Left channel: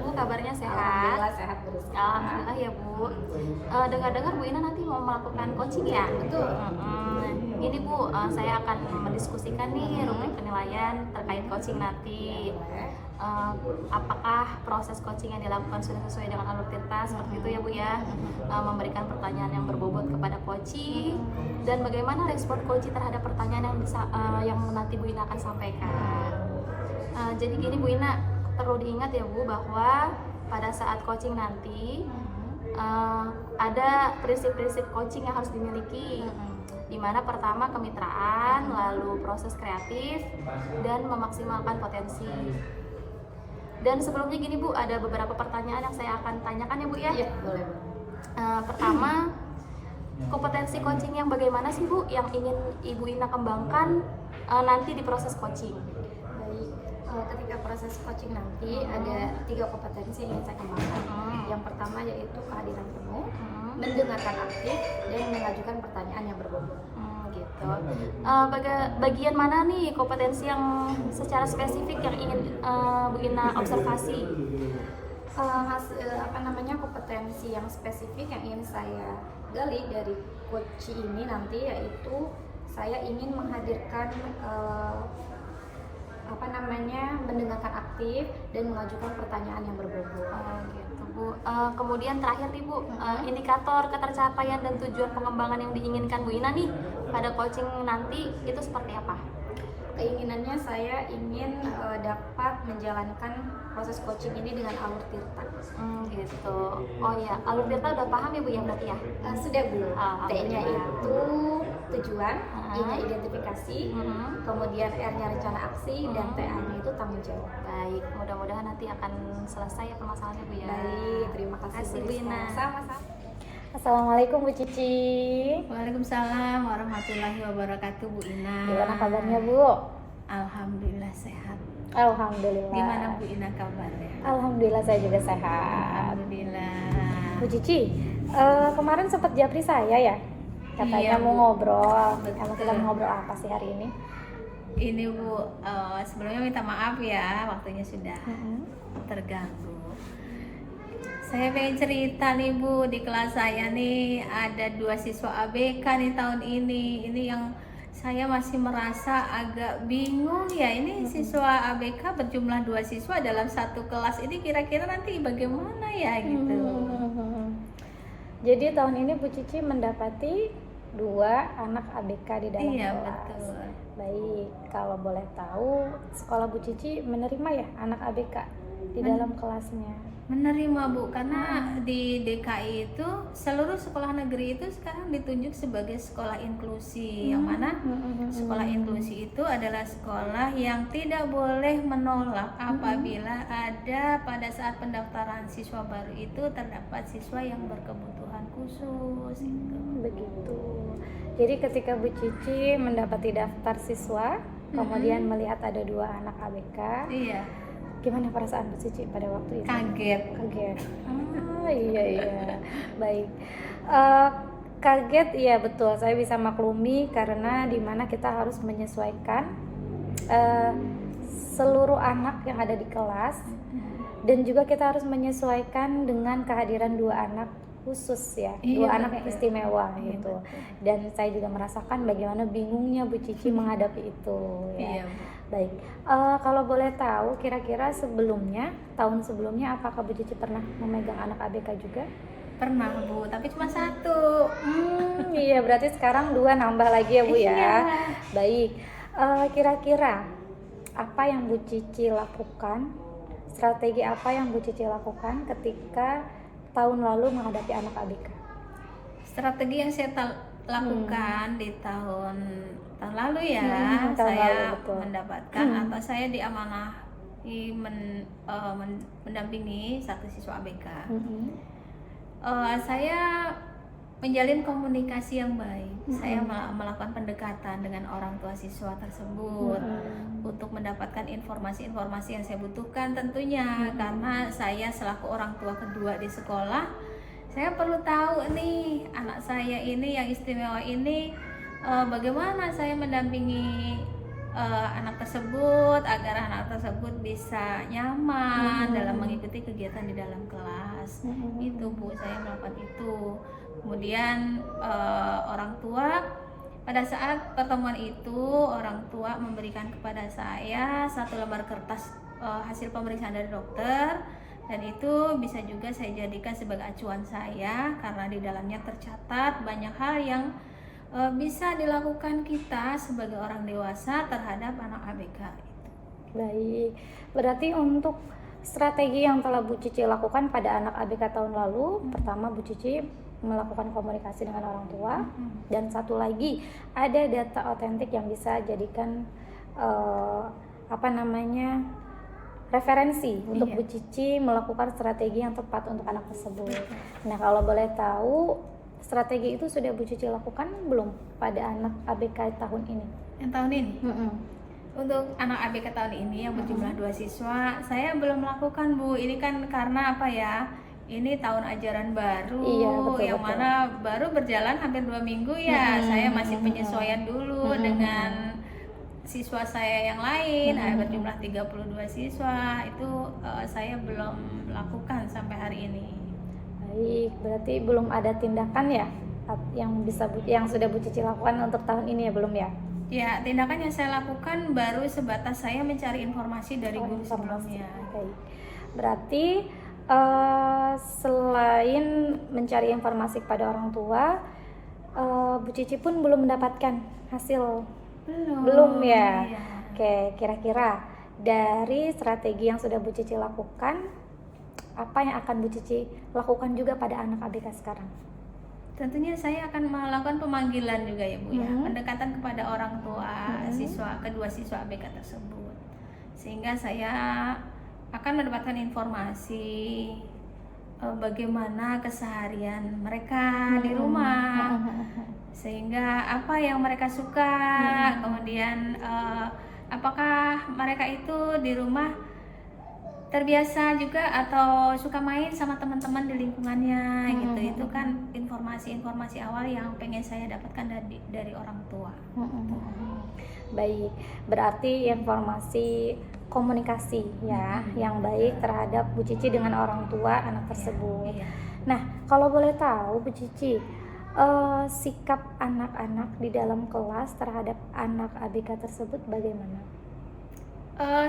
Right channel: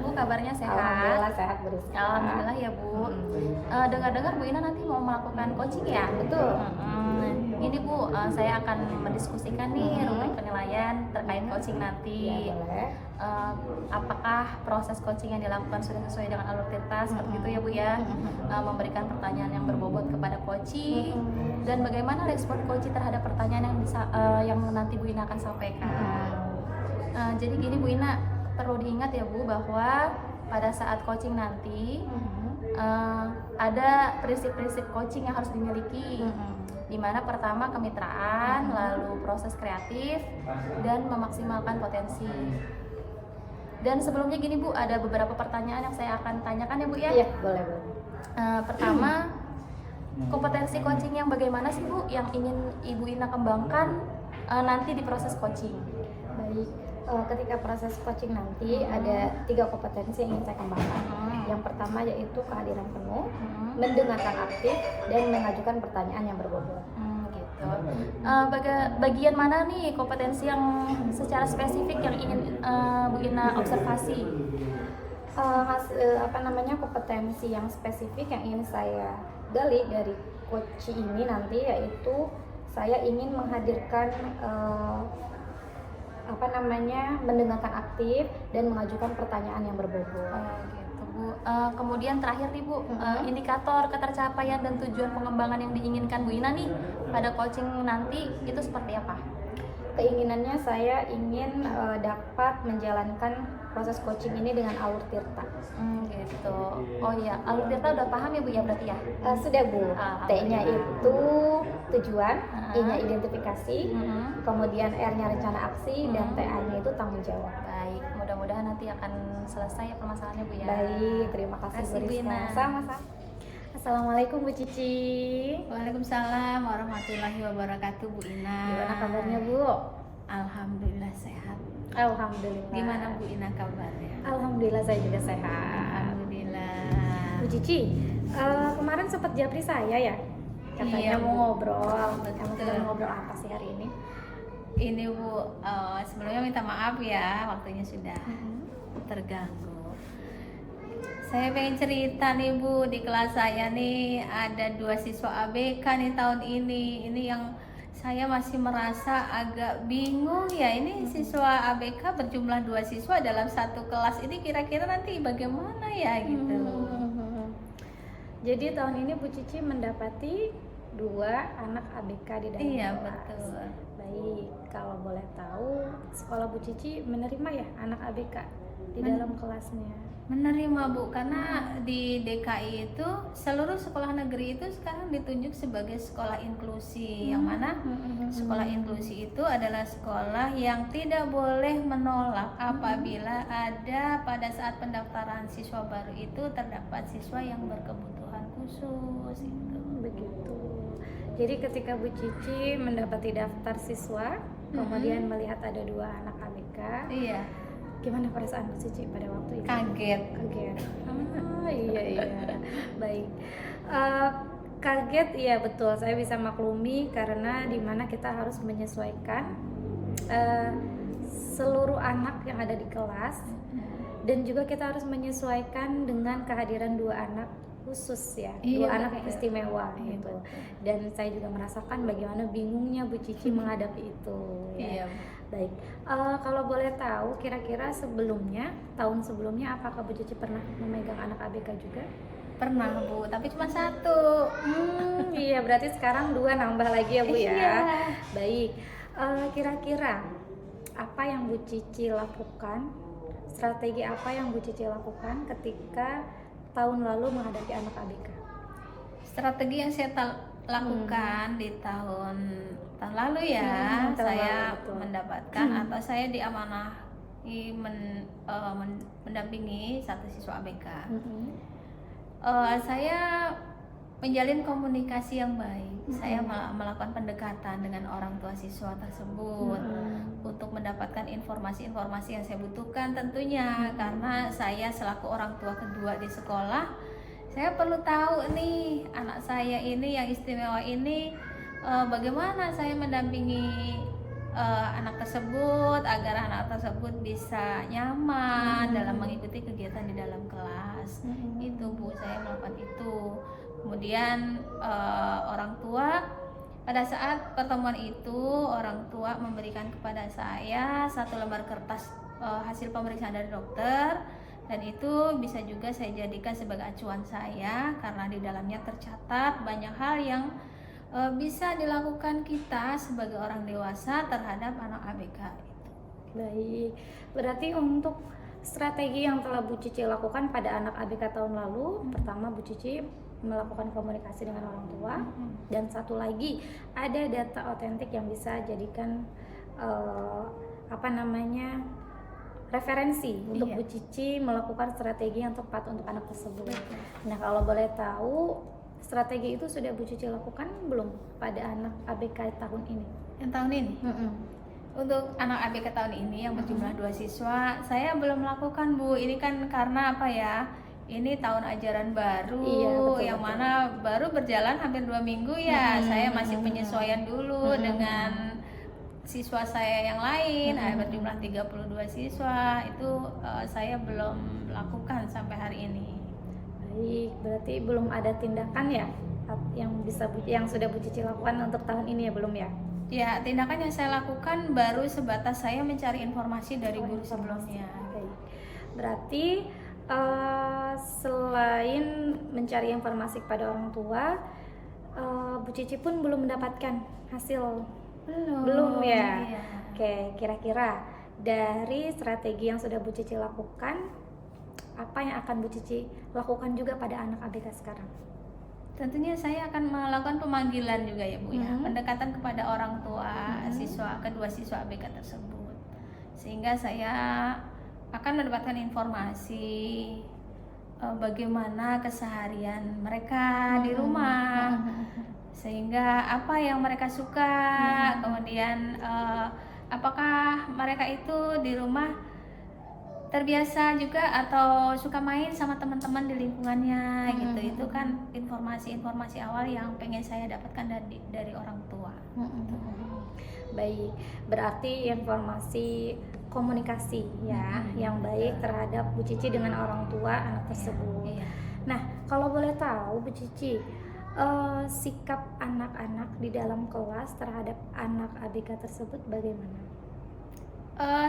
Bu kabarnya sehat? Alhamdulillah sehat Bu Rizka. Alhamdulillah ya Bu. Dengar-dengar Bu Ina nanti mau melakukan coaching ya? Betul. Ini Bu, saya akan mendiskusikan nih rubrik penilaian terkait coaching nanti. Ya, boleh. Apakah proses coaching yang dilakukan sudah sesuai dengan alur tirta seperti itu ya Bu ya? Memberikan pertanyaan yang berbobot kepada coaching dan bagaimana respon coaching terhadap pertanyaan yang nanti Bu Ina akan sampaikan. Jadi gini Bu Ina, perlu diingat ya Bu bahwa pada saat coaching nanti ada prinsip-prinsip coaching yang harus dimiliki, di mana pertama kemitraan, lalu proses kreatif, dan memaksimalkan potensi. Dan sebelumnya gini Bu, ada beberapa pertanyaan yang saya akan tanyakan ya Bu ya. Iya, boleh. Pertama, kompetensi coaching yang bagaimana sih Bu yang ingin Ibu Ina kembangkan nanti di proses coaching? Baik, ketika proses coaching nanti ada 3 kompetensi yang ingin saya kembangkan. Yang pertama yaitu kehadiran penuh, mendengarkan aktif, dan mengajukan pertanyaan yang berbobot. Gitu. Bagian mana nih kompetensi yang secara spesifik yang ingin Bu Ina observasi? Kompetensi yang spesifik yang ingin saya gali dari coach ini nanti yaitu saya ingin menghadirkan mendengarkan aktif dan mengajukan pertanyaan yang berbobot. Gitu Bu. Kemudian terakhir nih Bu, indikator ketercapaian dan tujuan pengembangan yang diinginkan Bu Ina nih pada coaching nanti itu seperti apa? Keinginannya saya ingin dapat menjalankan proses coaching ini dengan alur tirta. Gitu. Oh ya, alur tirta udah paham ya Bu ya berarti ya? Sudah Bu. T-nya itu tujuan, I-nya identifikasi, kemudian R-nya rencana aksi, dan TA-nya itu tanggung jawab. Baik, mudah-mudahan nanti akan selesai permasalahannya Bu ya. Baik, terima kasih Bu Ina. Sama-sama. Assalamualaikum Bu Cici. Waalaikumsalam warahmatullahi wabarakatuh Bu Ina. Gimana kabarnya Bu? Alhamdulillah sehat. Alhamdulillah. Gimana Bu Ina kabarnya? Alhamdulillah saya juga sehat. Alhamdulillah. Bu Cici, kemarin sempat japri saya ya? Katanya Iya, mau Bu. ngobrol. Betul. Emang kita mau ngobrol apa sih hari ini? Ini Bu, sebelumnya minta maaf ya waktunya sudah terganggu. Saya pengen cerita nih Bu, di kelas saya nih ada 2 siswa ABK nih tahun ini. Ini yang saya masih merasa agak bingung ya. Ini siswa ABK berjumlah 2 siswa dalam satu kelas. Ini kira-kira nanti bagaimana ya gitu. Jadi tahun ini Bu Cici mendapati 2 anak ABK di dalam Iya, kelas. betul. Baik, kalau boleh tahu sekolah Bu Cici menerima ya anak ABK di dalam kelasnya? Menerima Bu, karena di DKI itu seluruh sekolah negeri itu sekarang ditunjuk sebagai sekolah inklusi, yang mana sekolah inklusi itu adalah sekolah yang tidak boleh menolak apabila ada pada saat pendaftaran siswa baru itu terdapat siswa yang berkebutuhan khusus itu. Begitu. Jadi ketika Bu Cici mendapati daftar siswa, kemudian melihat ada 2 anak ABK, Iya, gimana perasaan Bu Cici pada waktu itu? kaget. Kaget. Iya. Baik. Kaget, iya betul. Saya bisa maklumi karena dimana kita harus menyesuaikan seluruh anak yang ada di kelas, dan juga kita harus menyesuaikan dengan kehadiran 2 anak khusus ya, 2 Iya, anak yang betul. istimewa Iya, gitu. betul. Dan saya juga merasakan bagaimana bingungnya Bu Cici menghadapi itu. Iya Ya. Bu. Baik, kalau boleh tahu kira-kira tahun sebelumnya apakah Bu Cici pernah memegang anak ABK juga? Pernah Bu, tapi cuma 1. Iya, berarti sekarang 2 nambah lagi ya Bu ya. Iya. Baik, kira-kira apa yang Bu Cici lakukan, strategi apa yang Bu Cici lakukan ketika tahun lalu menghadapi anak ABK? Strategi yang saya lakukan di tahun lalu ya, tahun saya lalu, betul. mendapatkan atau saya diamanahi mendampingi 1 siswa ABK. Saya menjalin komunikasi yang baik. Saya melakukan pendekatan dengan orang tua siswa tersebut untuk mendapatkan informasi-informasi yang saya butuhkan tentunya, karena saya selaku orang tua kedua di sekolah, saya perlu tahu nih anak saya ini yang istimewa ini bagaimana saya mendampingi anak tersebut agar anak tersebut bisa nyaman dalam mengikuti kegiatan di dalam kelas. Itu Bu, saya melakukan itu. Kemudian orang tua, pada saat pertemuan itu orang tua memberikan kepada saya 1 lembar kertas hasil pemeriksaan dari dokter, dan itu bisa juga saya jadikan sebagai acuan saya karena di dalamnya tercatat banyak hal yang bisa dilakukan kita sebagai orang dewasa terhadap anak ABK itu. Baik, berarti untuk strategi yang telah Bu Cici lakukan pada anak ABK tahun lalu, pertama Bu Cici melakukan komunikasi dengan orang tua, dan satu lagi ada data otentik yang bisa jadikan referensi untuk Bu Cici melakukan strategi yang tepat untuk anak tersebut. Nah, kalau boleh tahu, strategi itu sudah Bu Cici lakukan belum pada anak ABK tahun ini? Yang tahun ini? Untuk anak ABK tahun ini yang berjumlah 2 siswa, saya belum melakukan Bu. Ini kan karena apa ya? Ini tahun ajaran baru, Iya, betul. mana baru berjalan hampir 2 minggu ya. Saya masih penyesuaian dulu dengan siswa saya yang lain. Ada berjumlah 32 siswa. Itu saya belum lakukan sampai hari ini. Baik, berarti belum ada tindakan ya yang sudah Bu Cici lakukan untuk tahun ini ya, belum ya? Ya, tindakan yang saya lakukan baru sebatas saya mencari informasi dari guru sebelumnya. Baik. Berarti selain mencari informasi kepada orang tua, Bu Cici pun belum mendapatkan hasil. Belum ya? Iya. Oke, kira-kira dari strategi yang sudah Bu Cici lakukan, apa yang akan Bu Cici lakukan juga pada anak ABK sekarang? Tentunya saya akan melakukan pemanggilan juga ya Bu ya, pendekatan kepada orang tua kedua siswa ABK tersebut, sehingga saya akan mendapatkan informasi bagaimana keseharian mereka di rumah, sehingga apa yang mereka suka, kemudian apakah mereka itu di rumah terbiasa juga atau suka main sama teman-teman di lingkungannya gitu. Itu kan informasi-informasi awal yang pengen saya dapatkan dari orang tua. Baik, berarti informasi komunikasi ya yang baik terhadap Bu Cici dengan orang tua anak tersebut. Iya. Nah, kalau boleh tahu Bu Cici, sikap anak-anak di dalam kelas terhadap anak ABK tersebut bagaimana?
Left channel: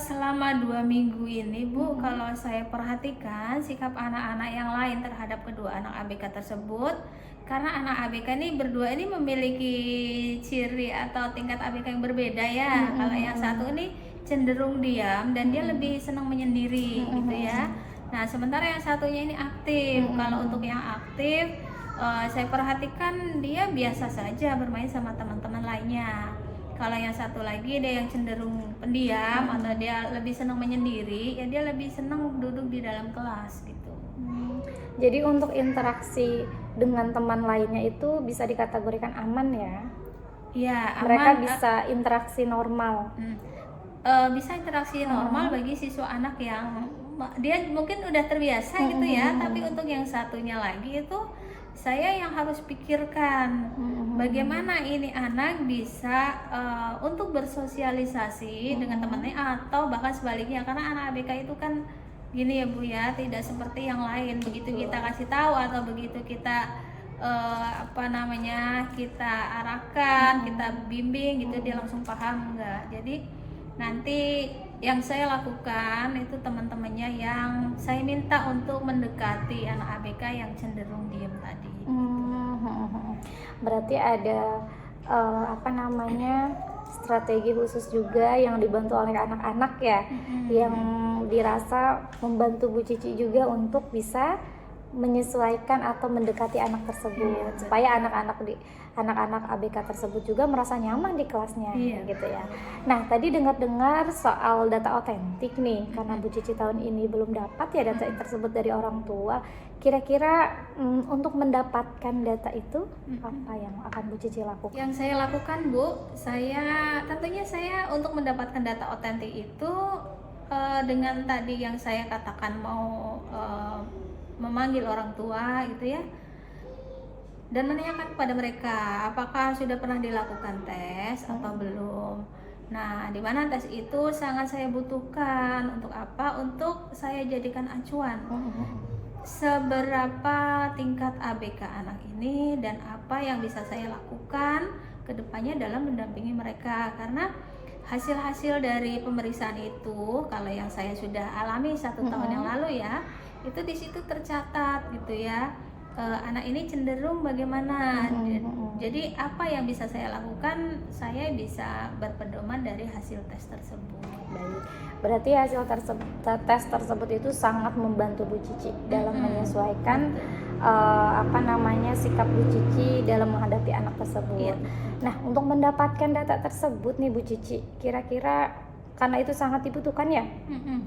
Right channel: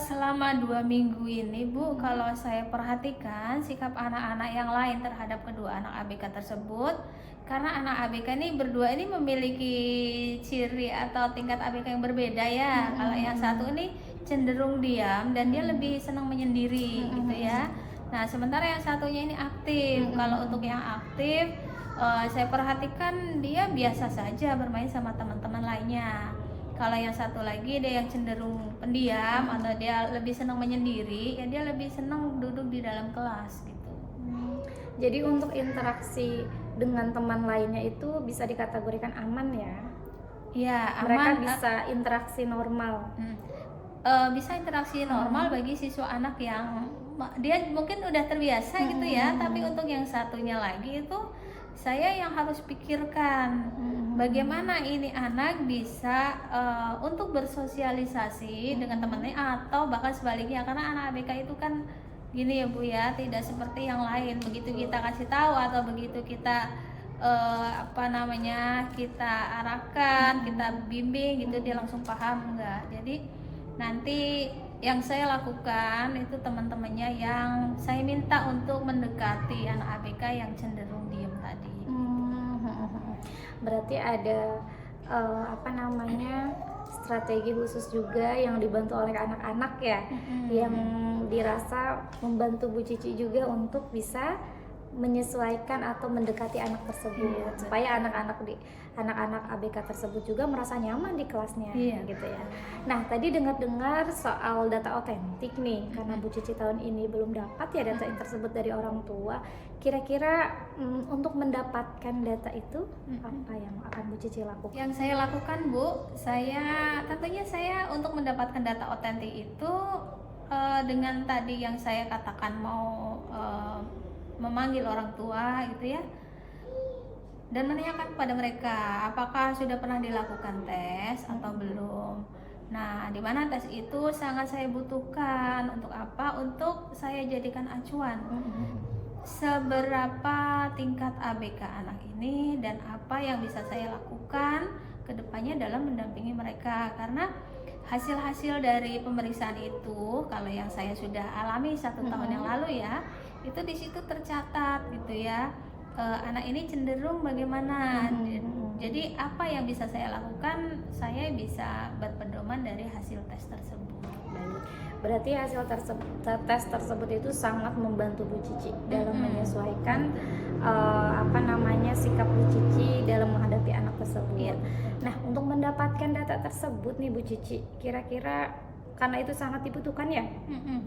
Selama 2 minggu ini Bu, kalau saya perhatikan sikap anak-anak yang lain terhadap kedua anak ABK tersebut, karena anak ABK ini berdua ini memiliki ciri atau tingkat ABK yang berbeda ya. Kalau yang satu ini cenderung diam dan dia lebih senang menyendiri gitu ya. Nah, sementara yang satunya ini aktif. Kalau untuk yang aktif, saya perhatikan dia biasa saja bermain sama teman-teman lainnya. Kalau yang satu lagi dia yang cenderung pendiam atau dia lebih senang menyendiri, ya dia lebih senang duduk di dalam kelas gitu. Jadi untuk interaksi dengan teman lainnya itu bisa dikategorikan aman ya? Ya, Mereka aman. bisa interaksi normal. Bisa interaksi normal bagi siswa anak yang dia mungkin udah terbiasa gitu ya, tapi untuk yang satunya lagi itu saya yang harus pikirkan bagaimana ini anak bisa untuk bersosialisasi dengan temannya atau bahkan sebaliknya, karena anak ABK itu kan gini ya Bu ya, tidak seperti yang lain, begitu kita kasih tahu atau begitu kita kita arahkan, kita bimbing gitu dia langsung paham enggak. Jadi nanti yang saya lakukan itu teman-temannya yang saya minta untuk mendekati anak ABK yang cenderung diam tadi. Berarti ada strategi khusus juga yang dibantu oleh anak-anak ya, yang dirasa membantu Bu Cici juga untuk bisa menyesuaikan atau mendekati anak tersebut, supaya anak-anak ABK tersebut juga merasa nyaman di kelasnya, gitu ya. Nah, tadi dengar-dengar soal data otentik nih, karena Bu Cici tahun ini belum dapat ya data tersebut dari orang tua. Kira-kira untuk mendapatkan data itu apa yang akan Bu Cici lakukan? Yang saya lakukan Bu, tentunya saya untuk mendapatkan data otentik itu dengan tadi yang saya katakan mau memanggil orang tua gitu ya, dan menanyakan kepada mereka apakah sudah pernah dilakukan tes atau belum. Nah, di mana tes itu sangat saya butuhkan. Untuk apa? Untuk saya jadikan acuan. Seberapa tingkat ABK anak ini dan apa yang bisa saya lakukan ke depannya dalam mendampingi mereka. Karena hasil-hasil dari pemeriksaan itu, kalau yang saya sudah alami 1 tahun yang lalu ya, itu di situ tercatat gitu ya. Anak ini cenderung bagaimana. Jadi apa yang bisa saya lakukan, saya bisa berpedoman dari hasil tes tersebut. Baik. Berarti hasil tes tersebut itu sangat membantu Bu Cici dalam menyesuaikan sikap Bu Cici dalam menghadapi anak tersebut. Iya. Nah, untuk mendapatkan data tersebut nih Bu Cici, kira-kira karena itu sangat dibutuhkan ya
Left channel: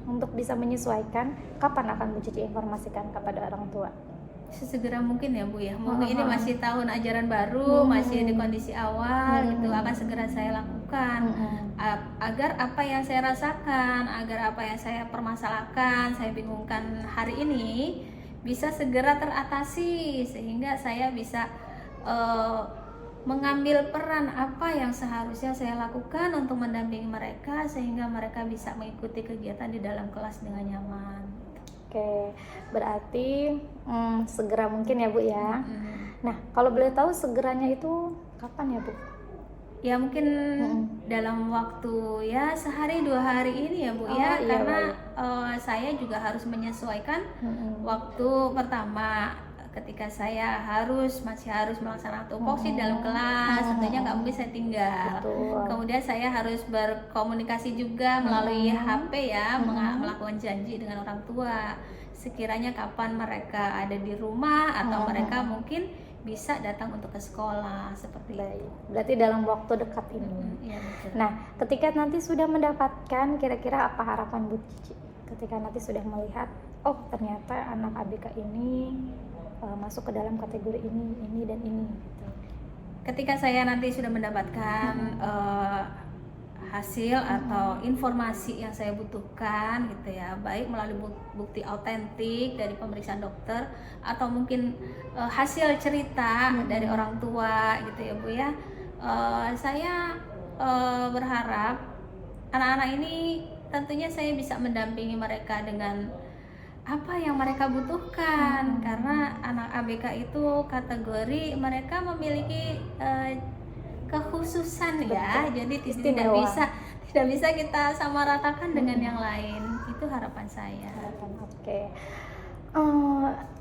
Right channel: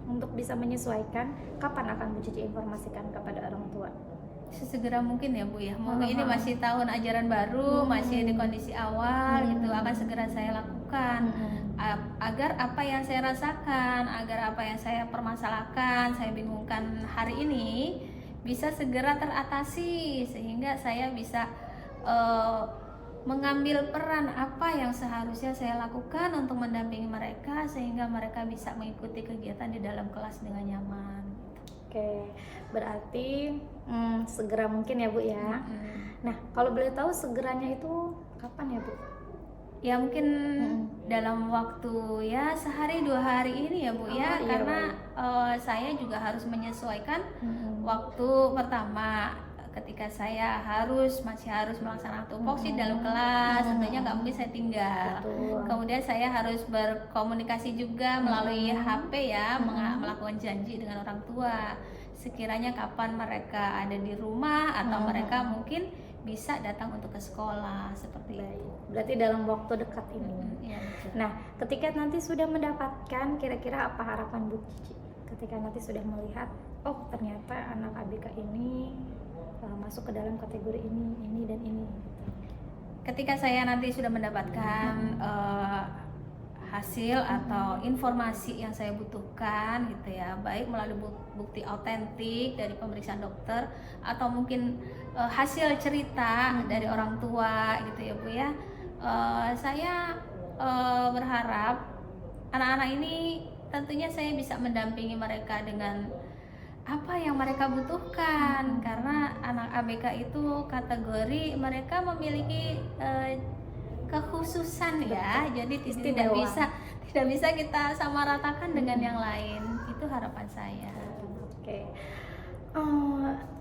untuk bisa menyesuaikan, kapan akan Bu Cici informasikan kepada orang tua? Sesegera mungkin ya Bu ya. Mungkin ini masih tahun ajaran baru, masih di kondisi awal gitu, akan segera saya lakukan agar apa yang saya rasakan, agar apa yang saya permasalahkan, saya bingungkan hari ini bisa segera teratasi, sehingga saya bisa mengambil peran apa yang seharusnya saya lakukan untuk mendampingi mereka sehingga mereka bisa mengikuti kegiatan di dalam kelas dengan nyaman. Oke, berarti segera mungkin ya Bu ya. Nah, kalau boleh tahu segeranya itu kapan ya Bu? Ya mungkin dalam waktu ya sehari 2 hari ini ya Bu ya, iya, karena saya juga harus menyesuaikan waktu pertama ketika saya masih harus melaksanakan tupoksi dalam kelas, tentunya nggak mungkin saya tinggal. Kemudian saya harus berkomunikasi juga melalui HP ya, melakukan janji dengan orang tua. Sekiranya kapan mereka ada di rumah atau mereka mungkin bisa datang untuk ke sekolah seperti itu. Berarti dalam waktu dekat ini. Iya, betul. Nah, ketika nanti sudah mendapatkan, kira-kira apa harapan Bu Cici? Ketika nanti sudah melihat, oh ternyata anak ABK ini masuk ke dalam kategori ini dan ini. Ketika saya nanti sudah mendapatkan hasil atau informasi yang saya butuhkan gitu ya, baik melalui bukti autentik dari pemeriksaan dokter atau mungkin hasil cerita dari orang tua gitu ya Bu ya, saya berharap anak-anak ini tentunya saya bisa mendampingi mereka dengan apa yang mereka butuhkan, karena anak ABK itu kategori mereka memiliki kekhususan ya, jadi tidak bisa kita samaratakan dengan yang lain. Itu harapan saya. Oke.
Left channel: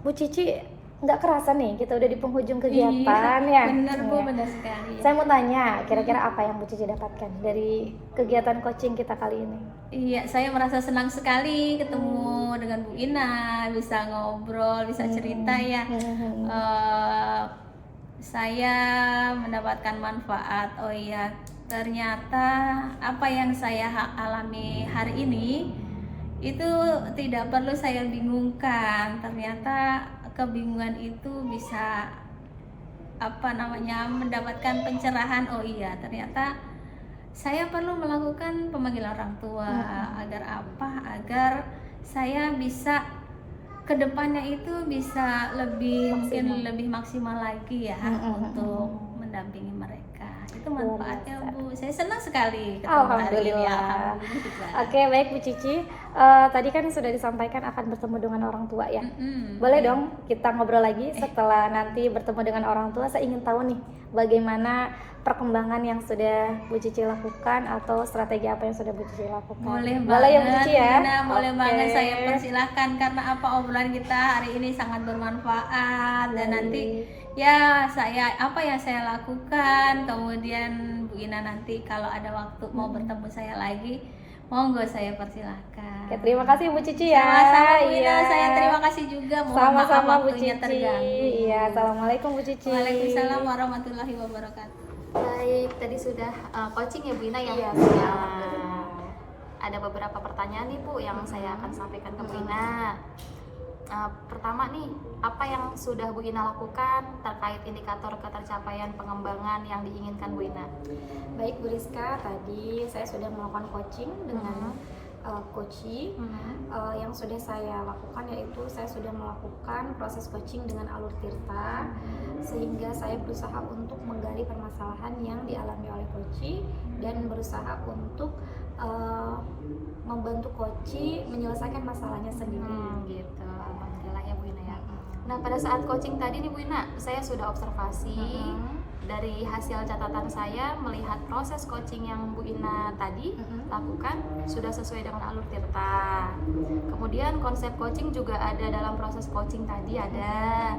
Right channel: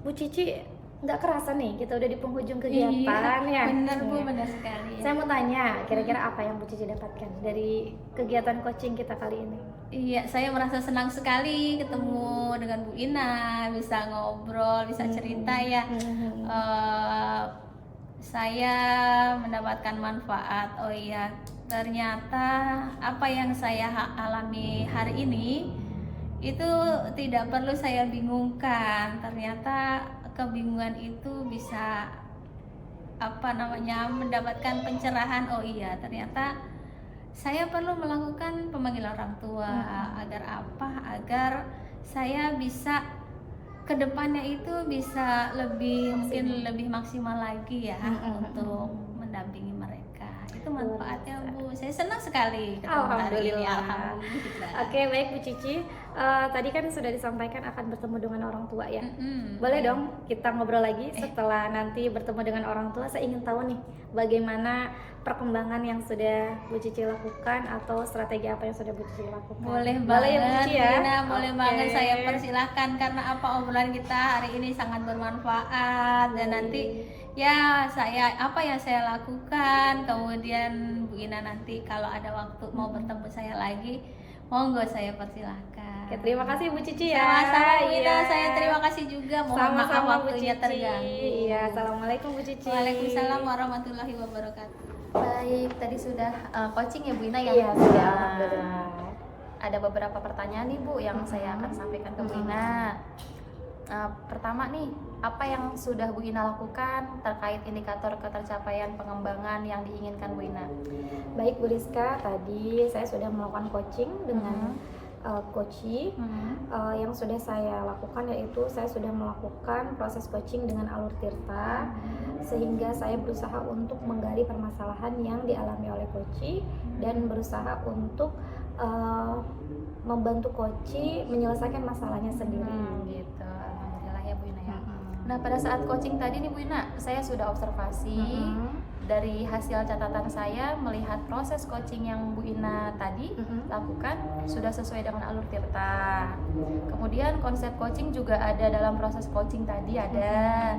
Bu Cici, nggak kerasa nih kita udah di penghujung kegiatan ya. Bener Bu, bener sekali. Saya mau tanya, kira-kira apa yang Bu Cici dapatkan dari kegiatan coaching kita kali ini? Iya, saya merasa senang sekali ketemu dengan Bu Ina, bisa ngobrol, bisa cerita ya. Saya mendapatkan manfaat. Oh iya, ternyata apa yang saya alami hari ini itu tidak perlu saya bingungkan. Ternyata kebingungan itu bisa mendapatkan pencerahan. Oh iya, ternyata saya perlu melakukan pemanggilan orang tua agar saya bisa kedepannya itu bisa lebih maksimal lagi ya untuk mendampingi mereka. Itu manfaatnya Bu. Saya senang sekali ketemu hari ini. Alhamdulillah. Oke, baik Bu Cici. Tadi kan sudah disampaikan akan bertemu dengan orang tua ya. Boleh dong kita ngobrol lagi setelah nanti bertemu dengan orang tua. Saya ingin tahu nih bagaimana perkembangan yang sudah Bu Cici lakukan atau strategi apa yang sudah Bu Cici lakukan. Boleh ya Bu banget Cici ya. boleh banget, saya persilahkan karena obrolan kita hari ini sangat bermanfaat. Dan nanti ya apa yang saya lakukan, kemudian Bu Ina nanti kalau ada waktu mau bertemu saya lagi, monggo saya persilahkan. Ya, terima kasih Bu Cici ya. Sama-sama Bu Ina, saya terima kasih juga. Mohon maaf waktunya terganggu. Iya, assalamualaikum Bu Cici. Waalaikumsalam warahmatullahi wabarakatuh. Baik, tadi sudah coaching ya Bu Ina ya. Iya, sudah. Ada beberapa pertanyaan nih Bu yang saya akan sampaikan ke Bu Ina. Pertama nih, apa yang sudah Bu Ina lakukan terkait indikator ketercapaian pengembangan yang diinginkan Bu Ina? Baik Bu Rizka, tadi saya sudah melakukan coaching dengan coaching. Yang sudah saya lakukan yaitu saya sudah melakukan proses coaching dengan Alur Tirta, sehingga saya berusaha untuk menggali permasalahan yang dialami oleh coaching dan berusaha untuk membantu coaching menyelesaikan masalahnya sendiri. Gitu. Alhamdulillah ya Bu Ina ya. Nah, pada saat coaching tadi nih Bu Ina, saya sudah observasi dari hasil catatan saya melihat proses coaching yang Bu Ina tadi lakukan sudah sesuai dengan Alur Tirta. Kemudian konsep coaching juga ada dalam proses coaching tadi ada.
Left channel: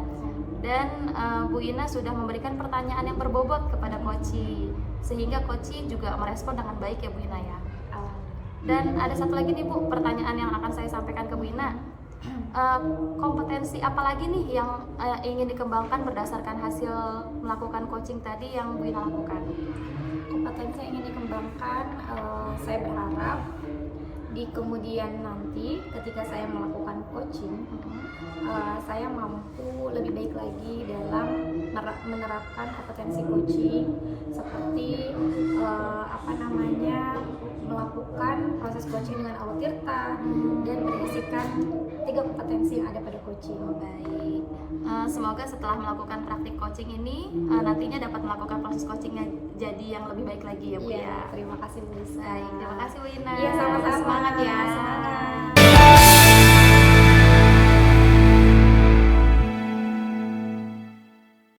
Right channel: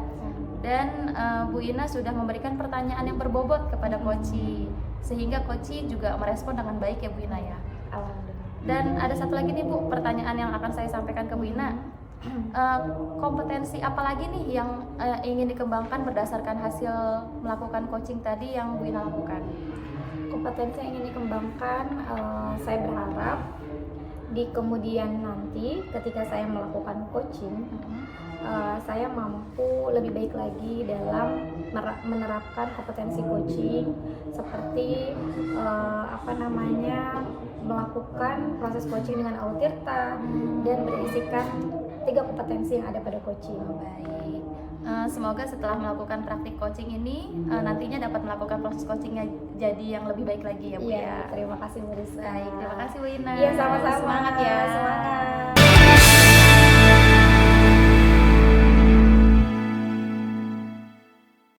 Dan Bu Ina sudah memberikan pertanyaan yang berbobot kepada coaching, sehingga coaching juga merespon dengan baik ya Bu Ina ya. Dan ada satu lagi nih Bu, pertanyaan yang akan saya sampaikan ke Bu Ina. Kompetensi apa lagi nih yang ingin dikembangkan berdasarkan hasil melakukan coaching tadi yang Bu Ina lakukan? Kompetensi yang ingin dikembangkan, saya berharap di kemudian nanti ketika saya melakukan coaching, saya mampu lebih baik lagi dalam menerapkan kompetensi coaching seperti melakukan proses coaching dengan Alur Tirta dan berisikan 3 kompetensi yang ada pada coaching. Baik. Semoga setelah melakukan praktik coaching ini nantinya dapat melakukan proses coachingnya jadi yang lebih baik lagi ya Bu ya. Terima kasih Bu Risa. Baik, terima kasih Bu Ina. Iya, sama-sama. Semangat ya.